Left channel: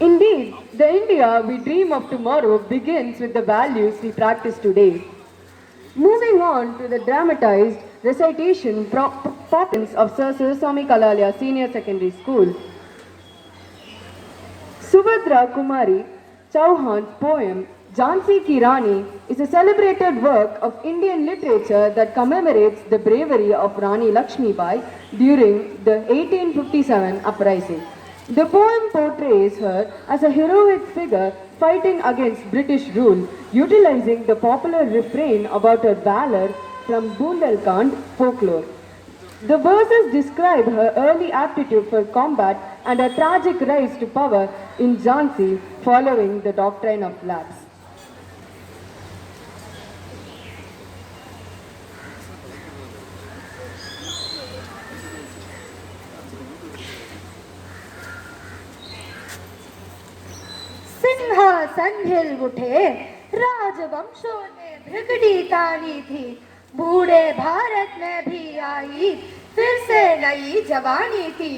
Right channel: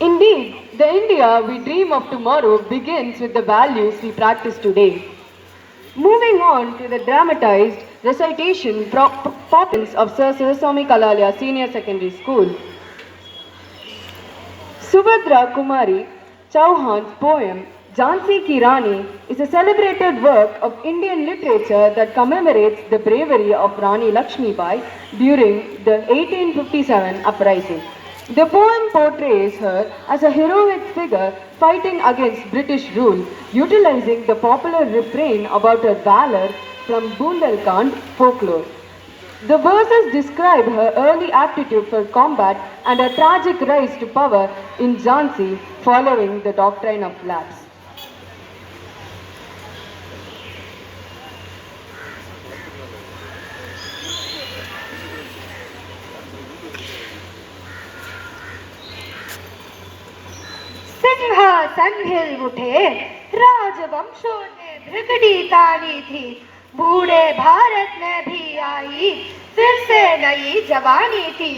Indeed, the India we dream of tomorrow begins with the values we practice today. Moving on to the dramatized recitation performance of Sir Sivaswamy Kalalia Senior Secondary School. Subhadra Kumari Chauhan's poem Jhansi Ki Rani is a celebrated work of Indian literature that commemorates the bravery of Rani Lakshmi Bai during the 1857 uprising. The poem portrays her as a heroic figure fighting against British rule, utilizing the popular refrain about her valor from Bundelkhand folklore. The verses describe her early aptitude for combat and her tragic rise to power in Jhansi following the doctrine of lapse. सिंहासन हिल उठे, राजवंशों ने भृगुड़ी तानी थी, बूढ़े भारत में भी आई फिर से नई जवानी थी।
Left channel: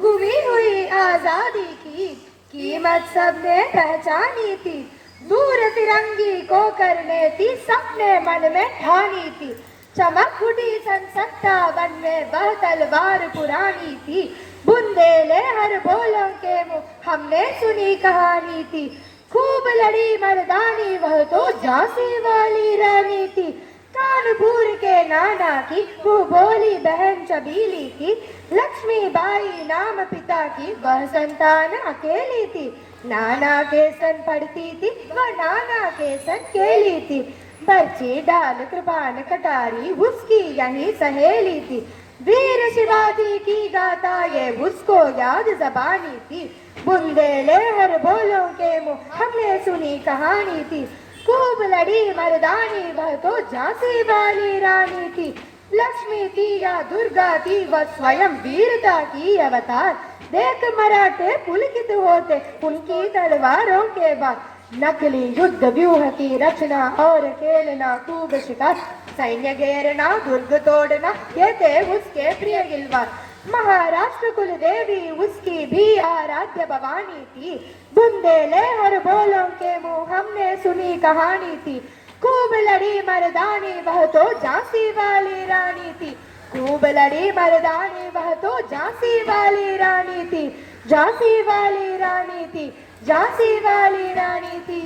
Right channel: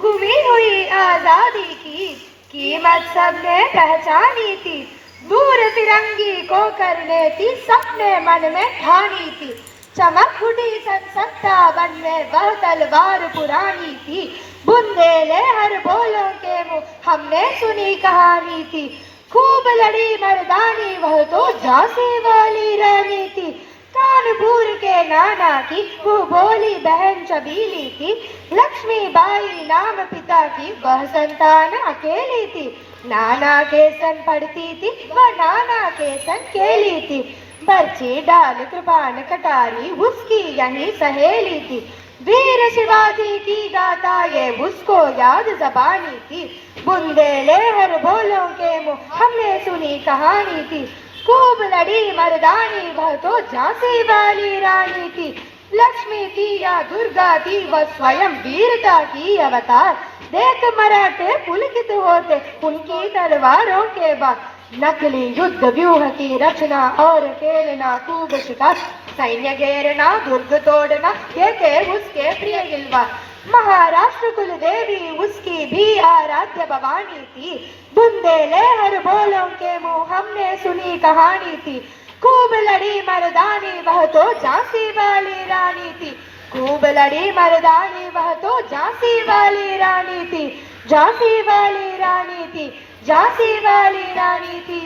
गुमी हुई आजादी की कीमत सबने पहचानी थी, दूर तिरंगी को करने थी सबने मन में ठानी थी। चमक उठी सन 57 में वह तलवार पुरानी थी, बुंदेले हर बोलों के मुंह हमने सुनी कहानी थी। खूब लड़ी मर्दानी वह तो झांसी वाली रानी थी, कानपुर के नाना की वो बोली बहन चबीली थी। लक्ष्मी बाई नाम पिता की वह संतान अकेली थी, नाना के सन पढ़ती थी वह नाना के सन खेली थी। बर्छी डाल कृपान कटारी उसकी यही सहेली थी, वीर शिवाजी की गाथा ये उसको याद जबानी थी। बुंदेले हर बोलों के मुंह हमने सुनी कहानी थी, खूब लड़ी मर्दानी वह तो झांसी वाली रानी थी। लक्ष्मी थी या दुर्गा थी वह स्वयं वीरता की अवतार, देख मराठे पुलकित होते उनकी तलवारों के बाद। नकली युद्ध व्यूह की रचना और खेलना खूब शिकार, सैन्य घेरना दुर्ग तोड़ना ये थे उसके प्रिय गिलवार। महाराष्ट्र कुल देवी उसकी भी आराध्य भवानी थी, बुंदेले हर बोलों के मुंह हमने सुनी कहानी थी। खूब लड़ी मर्दानी वह तो झांसी वाली रानी थी, खूब लड़ी मर्दानी वह तो झांसी वाली रानी थी, झांसी वाली रानी थी, झांसी वाली रानी थी।